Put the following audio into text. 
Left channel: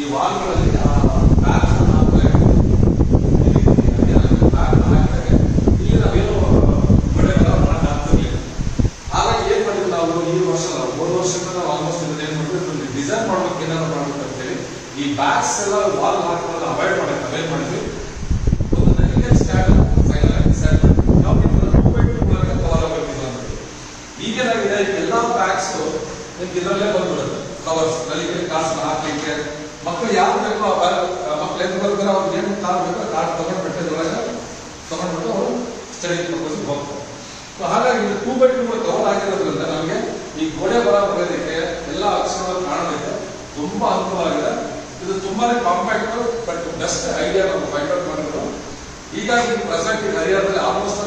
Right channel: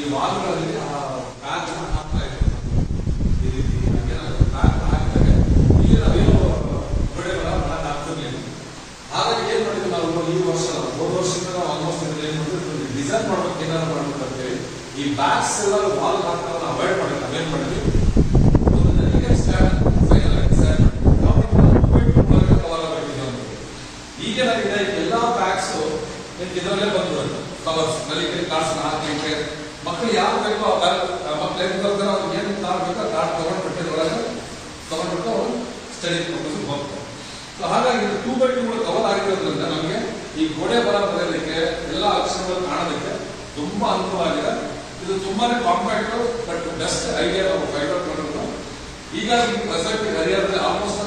ಈ ವಾಲ್ಗಳಲ್ಲಿ ಪ್ಯಾಚ್ ಹಾಕ್ತಾ ಹಾಕ್ತಾರೆ. ಇಲ್ಲಿ ನಾವೇನು ಗೋಡೆ ಬರ ಮಾಡಕ್ ಆಗ್ತಿರ್ಲಿಲ್ಲ. ಹಾಗಾಗಿ ಏನ್ ಮಾಡಿದ್ವಿ ನಾವು ಈ ವರ್ಷ 3 ವರ್ಷದಿಂದ ನಾವು ಆಲ್ಮೋಸ್ಟ್ ಏನ್ ಮಾಡಿದ್ವಿ, ಡಿಸೈನ್ ಮಾಡ್ಬೇಕು, ಏನಾದ್ರು ಮಾಡ್ಬೇಕು ಅಂತ ಹೇಳಿ ಈ ಬ್ಯಾಗ್ಸ್ ಎಲ್ಲ ವಾಲ್ ಹಾಕೋದನ್ನ ಅವಾಯ್ಡ್ ಮಾಡಿ ನಾವೇನ್ ಮಾಡಿದ್ವಿ, ಈಗೇನಾಗಿದೆ, ಎಲ್ಲಾ ಬ್ಯಾಗ್ಸ್ ಇದರಲ್ಲೇ ಬಂದ್ಬಿಡುತ್ತೆ. ಕವರ್ಸ್ ಕಲಿಕೆ ಕಾರ್ಸ್ ಹಾಕಲಿಕ್ಕೆ ಮಕ್ಕಳು ಯಾರು ಬೇಕೋ ಆ ಬ್ಯಾಗ್, ಮಕ್ಳು ಎದ್ದು ಬರ್ತಾರೆ, ಅವ್ರಿಗೆ ಏನು ಕಾರ್ಡ್ ಬೇಕೋ ಕಾರ್ಡ್ ತಗೊಂಡ್ಬಿಟ್ಟು ತಗೊಂಡ್ಬಿಟ್ಟು ಅವರು ಸ್ಟಡಿ ಪರ್ಪಸ್ ಹೋಗ್ತಾರೆ. ಸೊ ಹಾಗಾಗಿ 2x2 ಕವರ್ ಆಗಿರೋದ್ರಿಂದ ನಮಗೆ ಈ ಗೋಡೆ ಬರ ಬರೆಯೋದಕ್ಕೆ ಎಲ್ಲ ಅಕ್ಷರಗಳು ಕಾಣೋದಕ್ಕೆ ತುಂಬಾ ಅನುಕೂಲ ಆಗಿದೆ. ಇದು ತುಂಬಾನೇ ಕಾಂಪ್ಯಾಕ್ಟ್ ಬಟ್ ಬೆಸ್ಟ್ ಐಡಿಯಾ ನಾವು ಫೈಂಡ್ ಔಟ್ ಮಾಡೋದು. ಹೀಗಾಗಿ ಪ್ರೆಸೆಂಟ್ ಹರಿಯಾಣದಲ್ಲಿ ಆಲ್ಮೋಸ್ಟ್